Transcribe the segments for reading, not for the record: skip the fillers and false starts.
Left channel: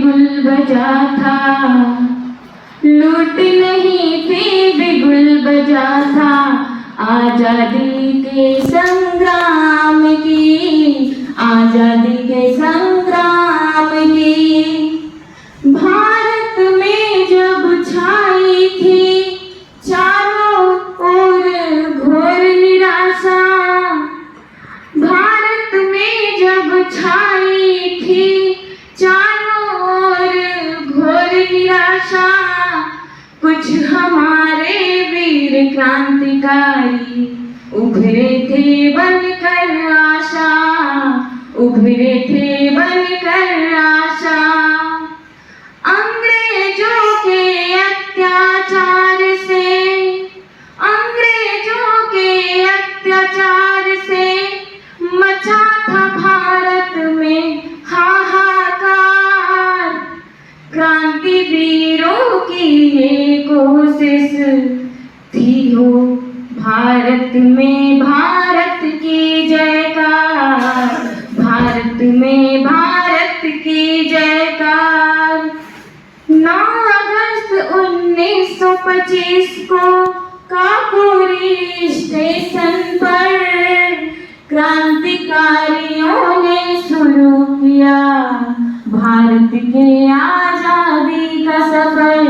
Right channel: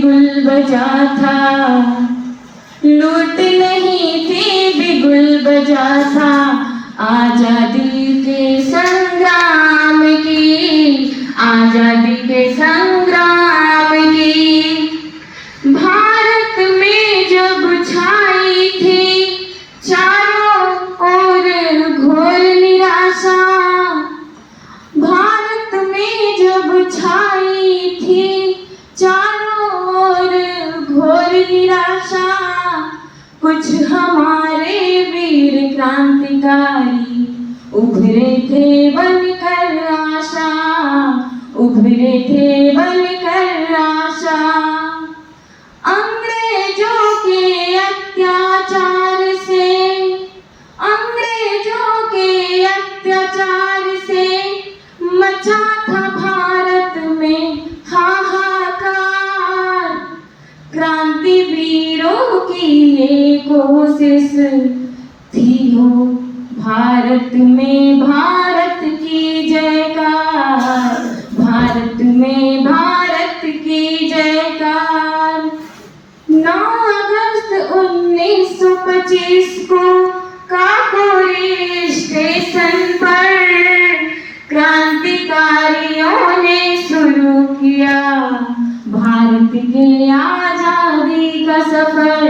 बिगुल बजा था, लूट नहीं थी बिगुल बजा था, आजादी के संग्राम की, आजादी के संग्राम की। भारत में जब छाई थी चारों ओर घोर निराशा, भारत में जब छाई थी चारों ओर घोर निराशा, कुछ हमारे वीर क्रांतिकारी उभरे थे बनकर आशा, उभरे थे बनकर आशा। अंग्रेजों के अत्याचार से, अंग्रेजों के अत्याचार से मचा था भारत में हाहाकार। क्रांतिवीरों की ये कोशिश थी हो भारत में भारत की जयकार, भारत में भारत की जयकार। 9 अगस्त 1925 को काकोरी स्टेशन पर क्रांतिकारियों ने शुरू किया भारत के आजादी का सफर,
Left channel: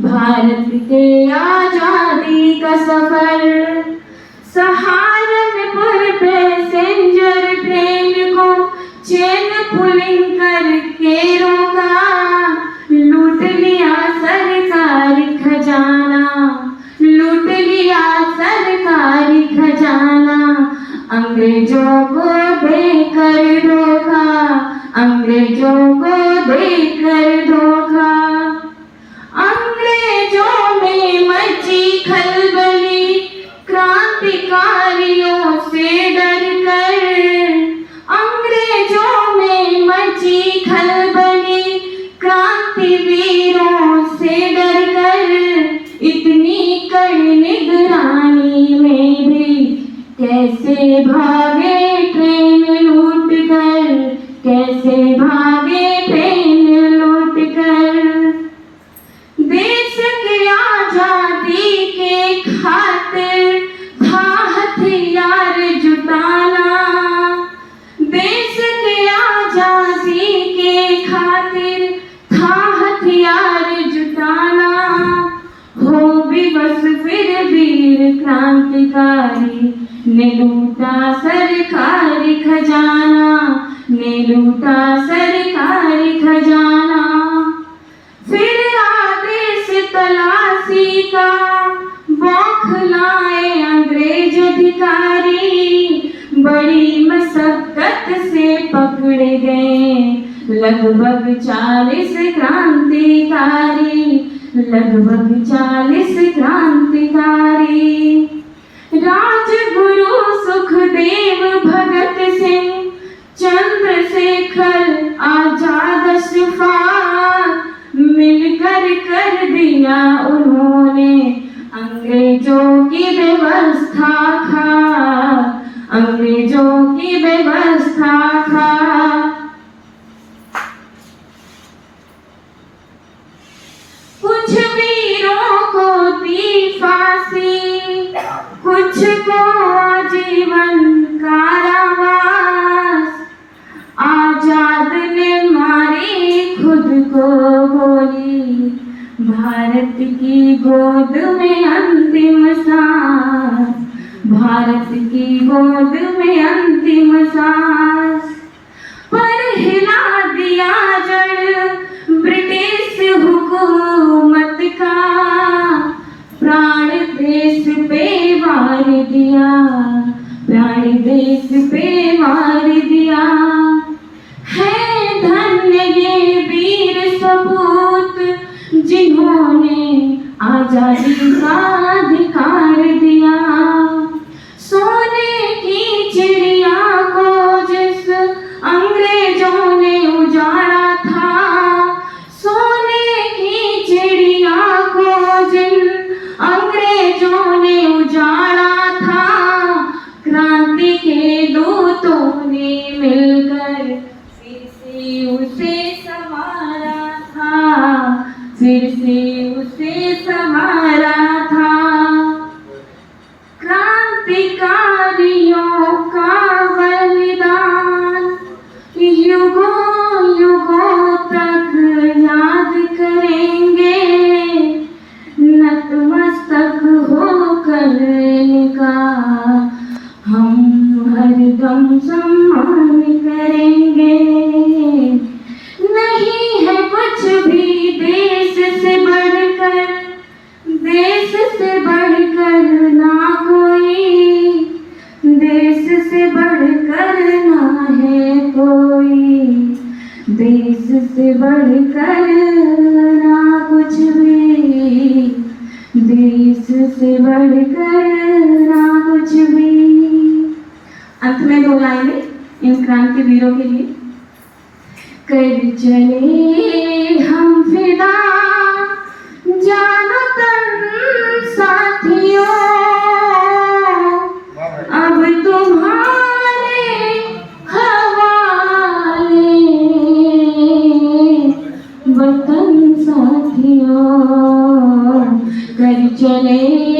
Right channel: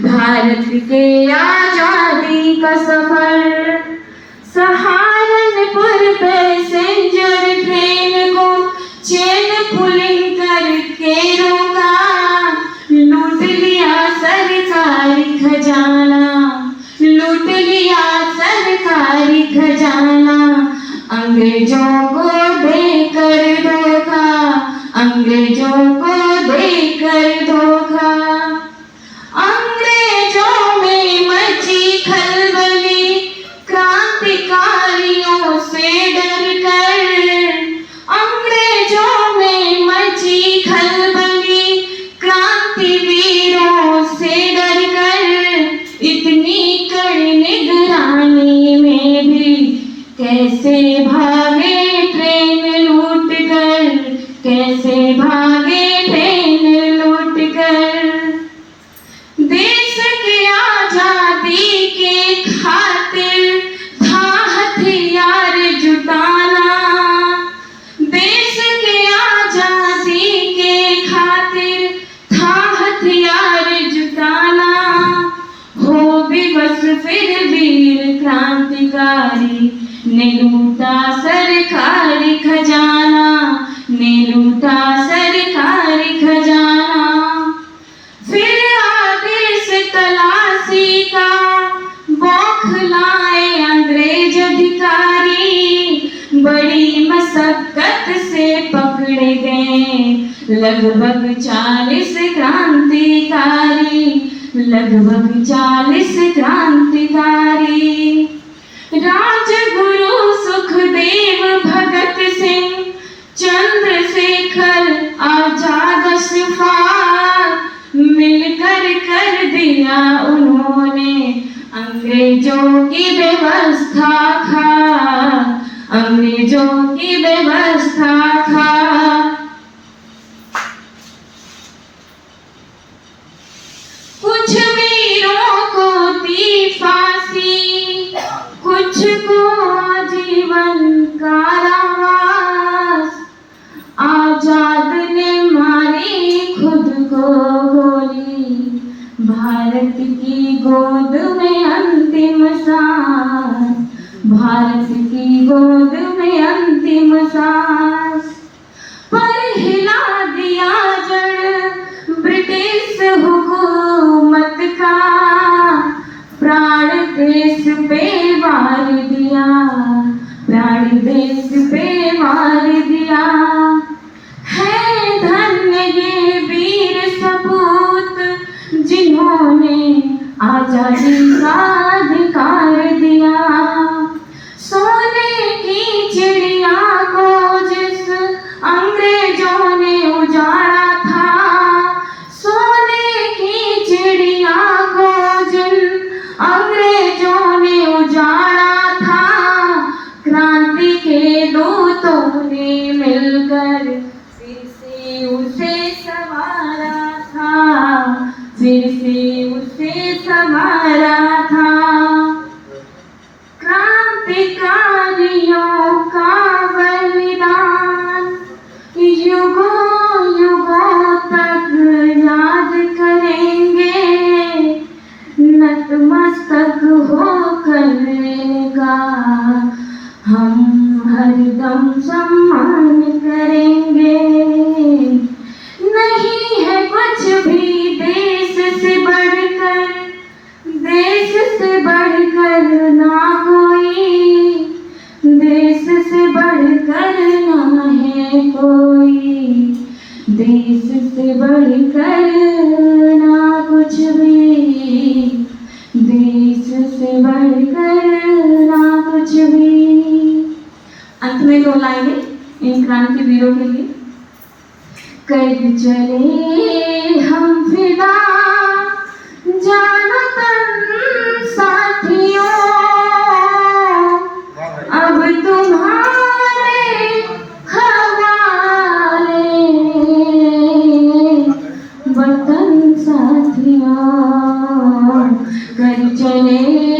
भारत के आजादी का सफर। सहारनपुर पैसेंजर ट्रेन को चेन पुलिंग करके रोका, लूट लिया सरकारी खजाना, लूट लिया सरकारी खजाना। अंग्रेजों को देकर धोखा, अंग्रेजों को देकर धोखा। अंग्रेजों में मची खलबली क्रांतिकारियों से डरकर, अंग्रेजों में मची खलबली क्रांतिवीरों से डरकर। इतनी कड़ी निगरानी में भी कैसे भागे ट्रेन लूट कर, कैसे भागे ट्रेन लूट कर। देश की आजादी के खातिर था हथियार जुटाना, देश की आजादी के खातिर था हथियार जुटाना। हो विवश फिर वीर क्रांतिकारी ने लूटा सरकारी खजाना, ने लूटा सरकारी खजाना। फिर आदेश तलाशी का बौखलाए अंग्रेज अधिकारी, बड़ी मशक्कत से पकड़े गए लगभग 40 क्रांतिकारी, लगभग 40 क्रांतिकारी। राजगुरु सुखदेव भगत सिंह चंद्रशेखर आजाद अशफाक मिलकर कर दिया उन्होंने अंग्रेजों की व्यवस्था खाक, अंग्रेजों की व्यवस्था खाक। कुछ वीरों को दी फांसी, कुछ को आजीवन कारावास। आजाद ने मारी खुद को गोली, भारत की गोद में अंतिम सांस, भारत की गोद में अंतिम सांस। पर हिला दिया जड़ ब्रिटिश हुकूमत का, प्राण देश पे वार दिया, प्राण देश पे वार दिया। है धन्य ये वीर सपूत जिन्होंने आजादी का अधिकार दिया। सोने की चिड़िया को जिस अंग्रेजों ने उजाड़ा था, सोने की चिड़िया को जिन अंग्रेजों ने उजाड़ा था, क्रांति के दूतों ने मिलकर फिर से उसे सवार ना कुछ भी, देश से बढ़कर ना कुछ भी। अंत में 2 लाइनें इन क्रांति वीरों के लिए। कर चले हम फिदा जानो तन साथियों, अब तुम्हारे हवाले वतन साथियों। कर चले